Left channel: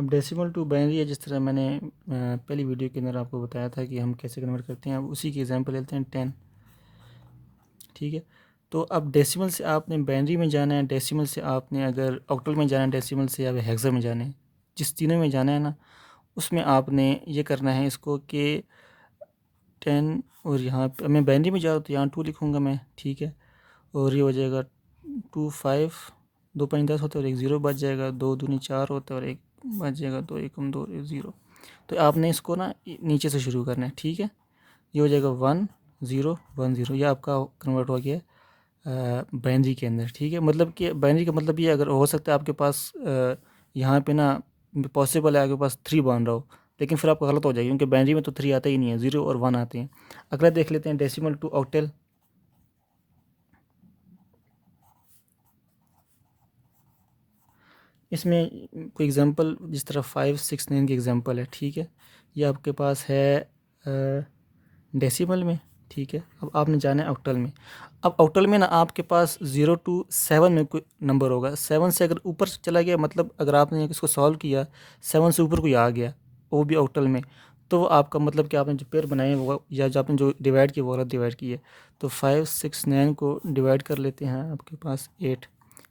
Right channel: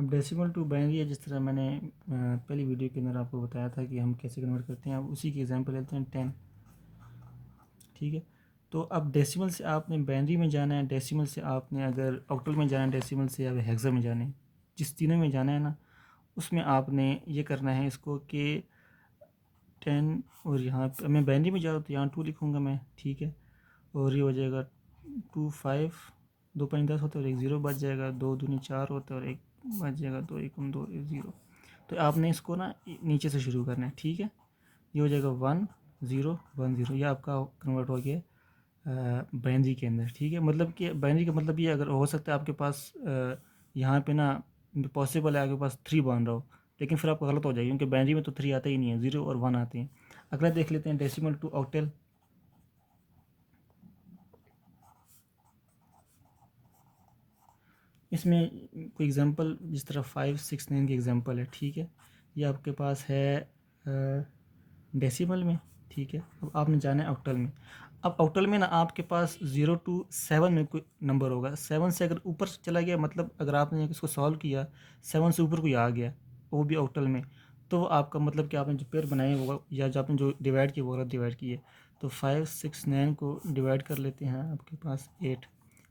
अब decimal to binary है, जिस तरह मैंने पहली वीडियो के अंदर आपको बताया था कि हम कैसे कन्वर्ट करते हैं। अब उसी की एग्जांपल लेते हैं 10। ठीक है, तो अब डेसिमल से आपने बाइनरी में जाना है, डेसिमल से आपने अगर ऑक्टल में जाना है, डेसिमल से या हेक्सा में जाना है, जिस तीनों में जाना है ना, उसमें आपने ये करना है इसको कि 10 और यहाँ पे मैं बाइनरी में जा रहा हूँ तो यहाँ 2 लिखूँगा मैं। ठीक है, और ये हो जाएगा 2 5, 2 5 10 होता है और एक ज़ीरो बच जाएगा, 2 दूनी 4 होता है और एक बच जाएगा, 2 एकम 2 ज़ीरो। तो आपने इसको ना नीचे से शुरू करना है। ठीक है, ये हो जाएगा 1 0 1 0, ये आपका कन्वर्ट हो गया बाइनरी के अंदर। ठीक है, मतलब कि बाइनरी का मतलब ये अगर हो सकता है आपके पास यहाँ पे ना पॉसिबल है आपके पास 3 बन रहा हो, लेकिन फिर आपका गलत हो जाएगा क्योंकि बाइनरी में तो 3 आता ही नहीं है, 0 और 1 आते हैं। अगला देख लेते हैं डेसिमल टू ऑक्टल। इसमें कोई एग्जांपल जिस तरह 5 6 9 की एग्जांपल है। ठीक है, ये आपके पास है डेसिमल में। ठीक है, अब आपने जाना है ऑक्टल में। अब ऑक्टल में ना आपके पास 0 टू 7 में कोई नंबर होगा, 7 से अगर ऊपर चला गया, मतलब अगर आपने इसको सॉल्व किया 7 से ऊपर कोई आ गया वो भी ऑक्टल में, तो वो आपका मतलब कि आपने जो पेयर बनाए वो या जो आपने जो डिवाइड किया वो गलत डिवाइड किए। तो 5 6 9 को डिवाइड कर लेते हैं, आपके पास 8।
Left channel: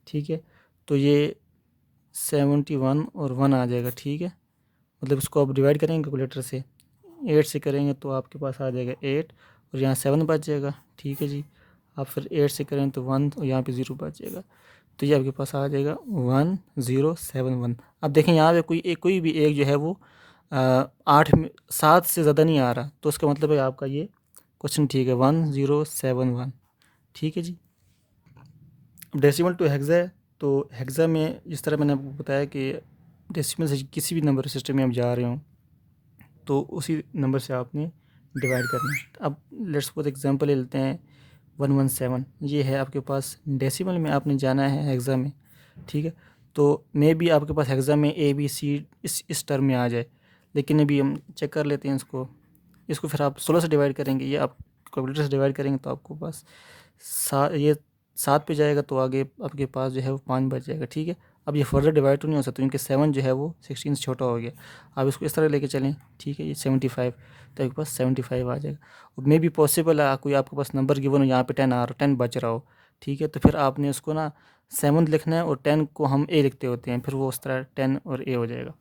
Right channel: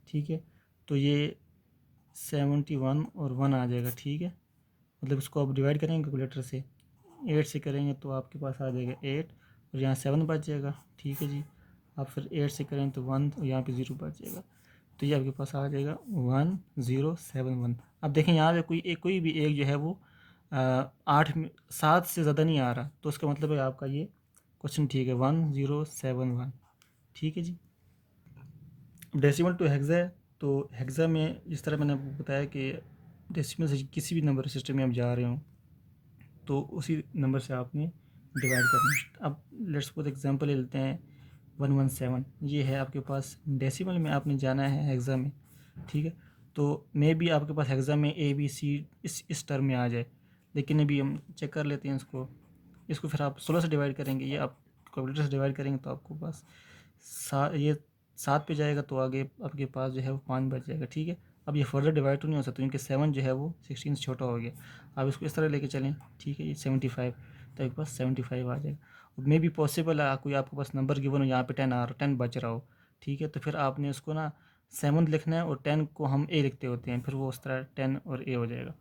ठीक है, तो ये 71 और 1 आ जाएगा। ठीक है, मतलब इसको आप डिवाइड करेंगे कैलकुलेटर से, 8 से करेंगे तो आपके पास आ जाएगा 8 और यहाँ 7 बच जाएगा। ठीक है जी, आप फिर 8 से करें तो 1 और यहाँ पे 0 बच जाएगा, तो ये आपके पास आ जाएगा 1071। अब देखें यहाँ पे कोई भी एक जो है वो 8 में 7 से ज़्यादा नहीं आ रहा, तो उसका मतलब है आपका ये क्वेश्चन ठीक है, 1071। ठीक है जी। डेसिमल टू हेक्सा है, तो हेक्सा में जिस तरह मैंने आपको बताया कि डेसिमल से किसी भी नंबर सिस्टम में आप जा रहे हों तो उसी नंबर से आपने डिवाइड करना है। अब लेट्स सपोज एग्जांपल ले लेते हैं 117, ये है आपके पास डेसिमल में, आपने जाना है हेक्सा में। ठीक है, तो मे बी आपके पास हेक्सा में ए बी सी इस टर्म में आ जाए, लेकिन अभी हम चेक कर लेते हैं इसको। इसको फिर आप 16 से डिवाइड करेंगे, ये आप कैलकुलेटर से डिवाइड करेंगे तो आपको पास ये 7 पे जाएगा, तो आगे आपके पास जो है वो 5 बच जाएगा। ठीक है, अब ये फर्दर डिवाइड तो नहीं हो सकता क्योंकि 7 जो है वो 16 से छोटा हो गया। आप इसको इस तरह लेके चलें। ठीक है, ये 75, तो आपके पास 75 आ जाएगा। और मे बी पॉसिबल है कोई आपके पास नंबर गिवन हो, यहाँ पे 10 आ रहा 10 बच रहा हो। ठीक है, तो फिर आपने उसको ना 7 लिखना है और 10 को हम ए लिखते होते हैं, फिर वो उस तरह 10 और ए हो जाएगा।